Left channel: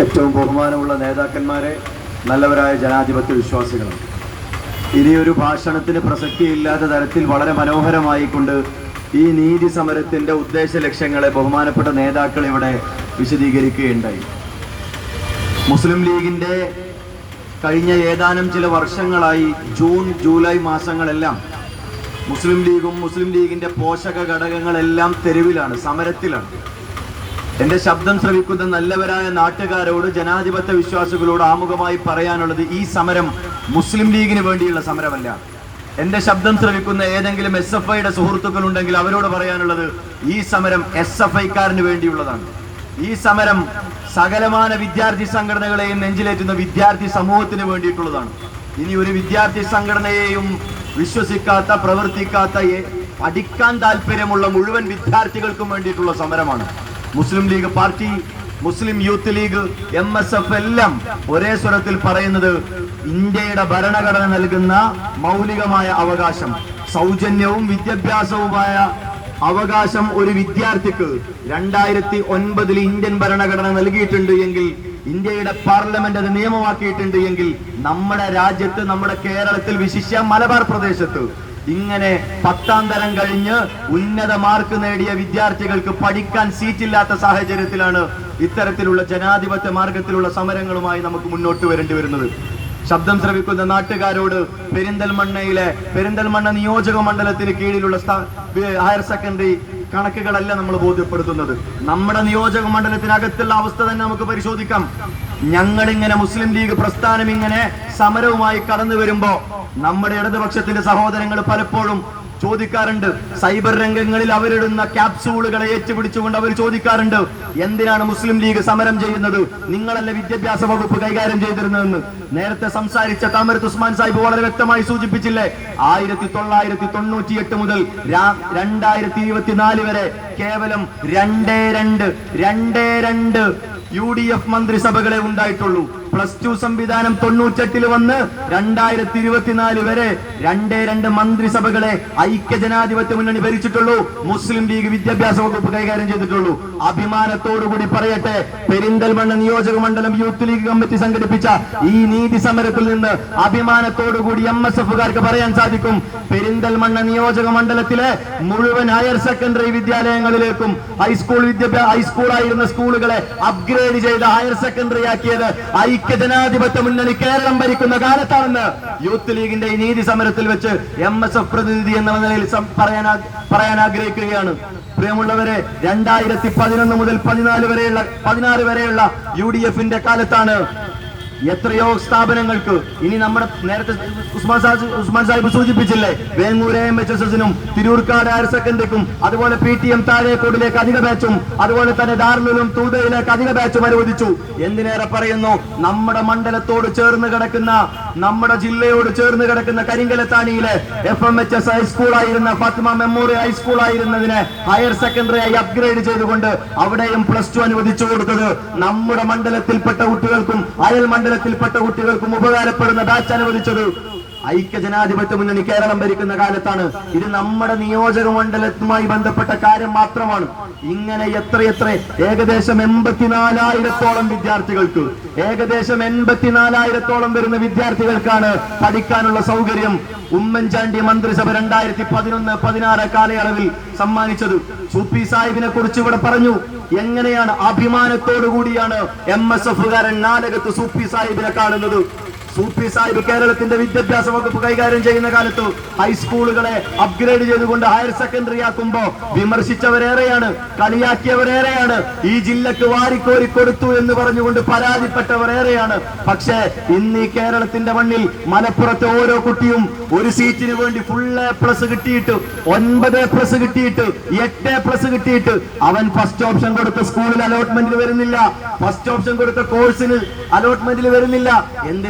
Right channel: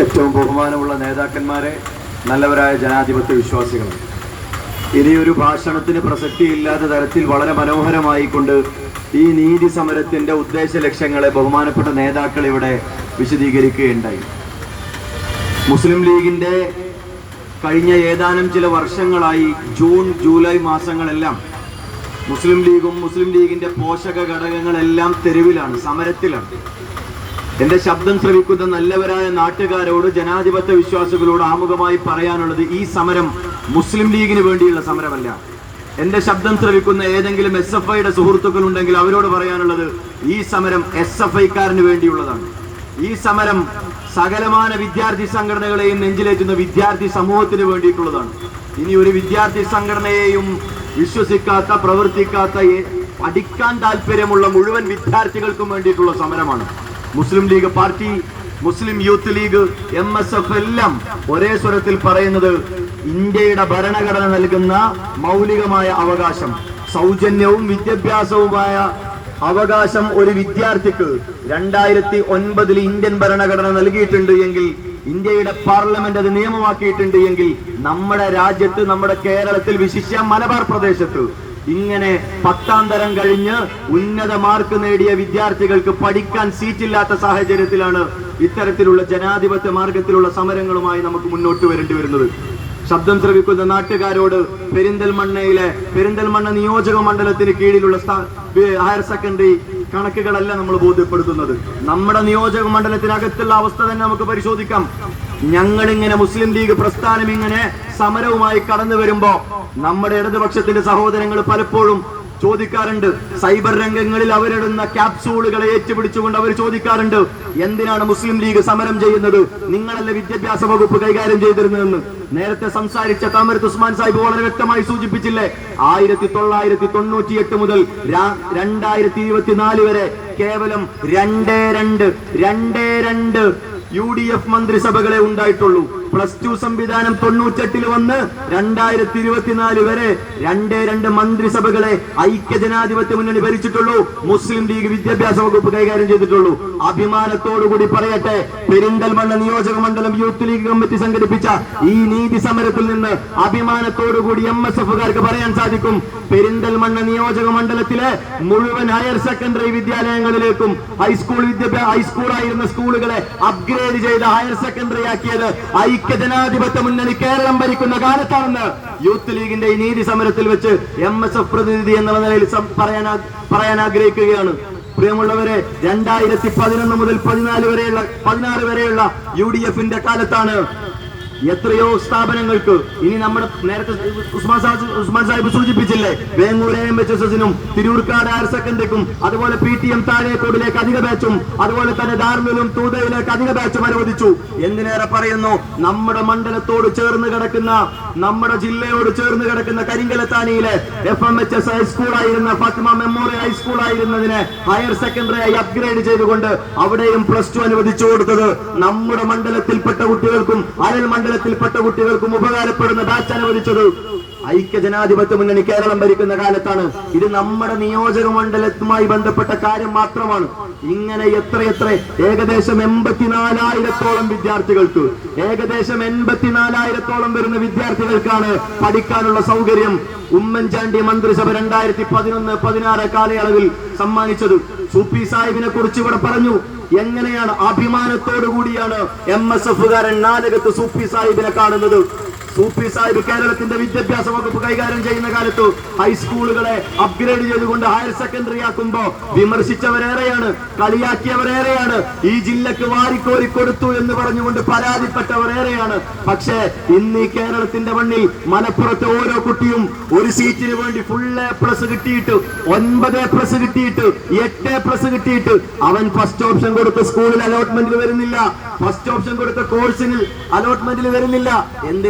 ഏറ്റവും ബഹുമാനമുള്ള നേതാക്കന്മാരെ, നല്ലവരായ ജനാധിപത്യ വിശ്വാസികൾ, ഇനിയൊരു ഭാഷണത്തിന് പ്രസക്തിയില്ലാത്ത തരത്തിൽ വളരെ മനോഹരമായിക്കൊണ്ട് ഈ നീതി സമരത്തിൻ്റെ ഉദ്ദേശ ലക്ഷ്യങ്ങളെ ബഹുമാനപ്പെട്ട നേതാക്കൾ ഇവിടെ വിശദീകരിക്കുകയുണ്ടായി. മുസ്ലിം ലീഗിൻ്റെ കഴിഞ്ഞ ഏതാനും ചില വർഷങ്ങളായി ജൂൺ ജൂലൈ മാസങ്ങളെല്ലാം മുസ്ലിം ലീഗിൻ്റെ പോഷക ഘടകങ്ങളെല്ലാം തെരുവിലാണ്, സമരത്തിലാണ്. എൻ്റെ ശബ്ദം ശ്രവിക്കുന്ന നല്ലവരായ നാട്ടുകാരോട്, ജനാധിപത്യ വിശ്വാസികളോട് ആമുഖമായി പറയാനുള്ളത്, ഈ സമരം മുസ്ലിം ലീഗിന് വേണ്ടിയുള്ള സമരമല്ല. എൻ്റെ ശബ്ദം ശ്രവിക്കുന്ന ഏതെങ്കിലും SFIയുടെ സുഹൃത്തുക്കൾ ഉണ്ടെങ്കിൽ അവരോട് പറയാനുള്ളത്, ഈ സമരം SFIക്കാരന് വേണ്ടിയുള്ളതാണ്. ഈ സമരം സകലമാന വിദ്യാർത്ഥി സംഘടനകളെയും നെഞ്ചിലേറ്റുന്ന വിദ്യാർത്ഥി സമൂഹത്തിന് വേണ്ടിയിട്ടുള്ളതാണ്. ഇനി ഒരു വിദ്യാർത്ഥി സംഘടനയെയും വിശ്വസിക്കാത്ത, പ്രവർത്തിക്കാത്ത, പഠിക്കാൻ താല്പര്യമുള്ള മുഴുവൻ വിദ്യാർത്ഥികൾക്കും വേണ്ടിയിട്ടുള്ള സമരമാണ്. മുസ്ലിം ലീഗ് പാർട്ടി, മുസ്ലിം യൂത്ത് ലീഗ്, MSF എല്ലാം ഒരേ സ്വരത്തിൽ പറയുന്നത്, ഇന്ത്യയുടെ ഭരണഘടന നൽകുന്ന മൗലികമായ അവകാശം, സൗജന്യവും വിദ്യാഭ്യാസവുമായ അവകാശം ഒരു വിദ്യാർത്ഥിക്ക് 2009 ഇന്ത്യൻ ഭരണഘടന നൽകിയിട്ടുണ്ട് എങ്കിൽ, ഇന്ത്യയുടെ പാർലമെന്റ് അത് നിയമമാക്കിയിട്ടുണ്ട് എങ്കിൽ, നമ്മുടെ രാജ്യത്ത്, നമ്മുടെ കേരളത്തിൽ, വിശിഷ്യ മലബാർ പ്രദേശത്ത് ഇങ്ങനെ 10ാം തരം കഴിഞ്ഞ് ഉന്നത മാർക്ക് നേടിയ വിദ്യാർത്ഥികൾക്ക് പഠിക്കാൻ സീറ്റില്ലാത്ത സാഹചര്യത്തിലാണ് ഇത്തരത്തിലുള്ള ജനാധിപത്യ മാർഗത്തിലുള്ള സമരങ്ങളുമായി നമുക്ക് മുന്നോട്ട് വരേണ്ടി വരുന്നത്. ശബ്ദം ശ്രവിക്കുന്ന നാട്ടുകാരോട്, പെരിന്തൽമണ്ണ നിയോജക മണ്ഡലത്തിന് കീഴിലുള്ള ഹയർ സെക്കൻഡറി കണക്കുകളല്ല നമ്മൾ ബോധ്യപ്പെടുത്തുന്നത്. നമ്മുടെ നിയോജക മണ്ഡലത്തിനകത്തുള്ള അവസ്ഥ തന്നെ നമുക്ക് പരിശോധിക്കാം. ഞങ്ങളിങ്ങനെ മുസ്ലിം ലീഗ് പ്രസ്ഥാനം ഇങ്ങനെ സമരവുമായി കടന്നു വരുമ്പോ നമ്മുടെ ഇടതുപക്ഷത്തിന്റെ സഹോദരങ്ങൾ പലപ്പോഴും ചോദിക്കാറുണ്ട്, സൈബർ രംഗങ്ങളിൽ അവരിടുന്ന ക്യാപ്സൂളുകളെ ഏറ്റുപിടിച്ചുകൊണ്ട് അവർ ചോദിക്കാറുണ്ട്, എന്തിനാണ് മുസ്ലിം ലീഗ് സമരം ചെയ്യുന്നത്? നിങ്ങളല്ല വിദ്യാഭ്യാസ വകുപ്പ് കൈകാര്യം ചെയ്തിരുന്നതെന്ന്. നേരത്തെ സംസാരിച്ച താമരത്ത് ഉസ്മാൻ സാഹിബ് വളരെ വ്യക്തമായി സൂചിപ്പിച്ചില്ലേ, 1998 മുതൽ 2024 വരെ കേവലം 2 UDF മന്ത്രിസഭകളെ ഉണ്ടായിട്ടുള്ളൂ. +2 സംവിധാനം 98 വന്ന് 2024 വരെ 2 മന്ത്രിസഭകളെ ഐക്യജനാധിപത്യ മുന്നണി ഭരിച്ചിട്ടുള്ളൂ. മുസ്ലിം ലീഗ് വിദ്യാഭ്യാസ വകുപ്പ് കൈകാര്യം ചെയ്തിട്ടുള്ളൂ. അഭിമാനത്തോടുകൂടി പറയട്ടെ, പെരിന്തൽമണ്ണ നിയോജക മണ്ഡലം യൂത്ത് ലീഗ് കമ്മിറ്റി സംഘടിപ്പിച്ച ഈ നീതി സമരത്തിൽ നിന്ന് അഭിമാനത്തോടുകൂടി MSFകാർക്ക് പറയാൻ സാധിക്കും, പെരിന്തൽമണ്ണ നിയോജക മണ്ഡലത്തിലെ മുഴുവൻ ഹയർ സെക്കൻഡറി വിദ്യാലയങ്ങളിലേക്കും ഹൈസ്കൂളായിരുന്ന സ്കൂളുകളെ അപ്ഗ്രേഡ് ചെയ്ത് ഹയർ സെക്കൻഡറി ആക്കിയത് ഐക്യജനാധിപത്യ മുന്നണി കേരളം ഭരിക്കുന്ന കാലത്താണെന്ന് യൂത്ത് ലീഗിന്റെ ഈ നീതി സമരത്തിൽ വെച്ച് MSF പ്രതിനിധി എന്ന നിലയിൽ പറയാൻ ആഗ്രഹിക്കുകയാണ്. പ്രിയമുള്ളവരെ, 2011 മുതൽ 16 വരെയുള്ള UDFന്റെ കാലത്താണ് എത്രയോ സ്ഥാപനങ്ങൾക്ക്, ഇനി നമ്മുടെ നേരത്തെ ഉസ്മാൻ സാഹിബ് സൂചിപ്പിച്ചില്ലേ, വേങ്ങൂർ MHSSനും തിരൂർക്കാട് ഹയർ സെക്കൻഡറിക്കും, അതുപോലെ PTM താഴേക്കോടിലേക്ക് അധിക ബാച്ചും, അതുപോലെ തന്നെ ഡാർമിലും തൂതയിലേക്ക് അധിക ബാച്ചും അനുവദിച്ചു. എന്തിനേറെ പറയുന്നു, നമ്മുടെ മണ്ഡലത്തോട് ചേർന്ന് കിടക്കുന്ന, നമ്മുടെ ജില്ലയോട് ചേർന്ന് കിടക്കുന്ന കരിങ്കലത്താനിയിലെ FMHS ഹൈസ്കൂളായിരുന്ന ഫാത്തിമ മെമ്മോറിയൽ ഹൈസ്കൂളായിരുന്നതിനെ ഹയർ സെക്കൻഡറിയായി അപ്ഗ്രേഡ് ചെയ്തുകൊണ്ട് അവിടെയും +2 അനുവദിച്ചു കൊടുത്തത് നമ്മുടെ മണ്ഡലത്തിൽപ്പെട്ട കുട്ടികൾക്കും അയൽ ത്തിൽപ്പെട്ട കുട്ടികൾക്കും ഉപകാരപ്പെടുന്ന ബാച്ച് അനുവദിച്ചത് ഐക്യജനാധിപത്യ മുന്നണി കേരളം ഭരിക്കുന്ന കാലത്താണ്. ഇത് നമ്മുടെ നിയോജക മണ്ഡലവുമായി ബന്ധപ്പെട്ട കാര്യം മാത്രമാണ്. ഇങ്ങനെ എത്രയെത്ര, ഏകദേശം 84,000-ഓളം വിദ്യാർത്ഥികൾക്ക്, ഏകദേശം 84,000-ഓളം വരുന്ന വിദ്യാർത്ഥികൾക്കാണ് പഠിക്കാനുള്ള സൗകര്യം ഉമ്മൻചാണ്ടി മന്ത്രിസഭ 2011-16 കാലയളവിൽ സമ്മാനിച്ചത്. സൂപ്പി സാഹിബിനെ കുറിച്ച് ഇവിടെ പറഞ്ഞു. എങ്ങനെയാണ്, അഭിമാനത്തോടു കൂടിയാണ് MSFകാരൻ നാലകത്ത് സൂപ്പി സാഹിബിനെ കാണുന്നത്. സൂപ്പി സാഹിബ് കേരളത്തിന്റെ വിദ്യാഭ്യാസ വകുപ്പ് കൈകാര്യം ചെയ്യുന്ന കാലത്ത് ഹൈസ്കൂളുകളെ അപ്ഗ്രേഡ് ചെയ്തുകൊണ്ട് ഹയർ സെക്കൻഡറി ആക്കുമ്പോ വിമർശിച്ചവരേറെയാണ്, കളിയാക്കിയവരേറെയാണ്, ഈ ജില്ലക്ക് വാരിക്കോരി കൊടുത്തു എന്ന് പറഞ്ഞുകൊണ്ട് പരാതിപ്പെട്ടവരേറെയാണ്. പക്ഷേ ഇന്ന് ഈ കേരളത്തിന്റെ മണ്ണിൽ മലപ്പുറത്തെ ഓരോ കുട്ടിയും ഒരു സീറ്റിന് വേണ്ടി ഫുൾ A+ കിട്ടിയിട്ട്, 9 A+ കിട്ടിയിട്ട്, 8 A+ കിട്ടിയിട്ട് അവൻ ഫസ്റ്റ് ഓപ്ഷൻ കൊടുത്ത സ്കൂളിൽ അലോട്ട്മെന്റിൽ വരുന്നില്ല, ഫസ്റ്റ് ഓപ്ഷൻ കൊടുത്ത കോഴ്സിന് അലോട്ട്മെന്റിൽ വരുന്നില്ല. എന്തിന്?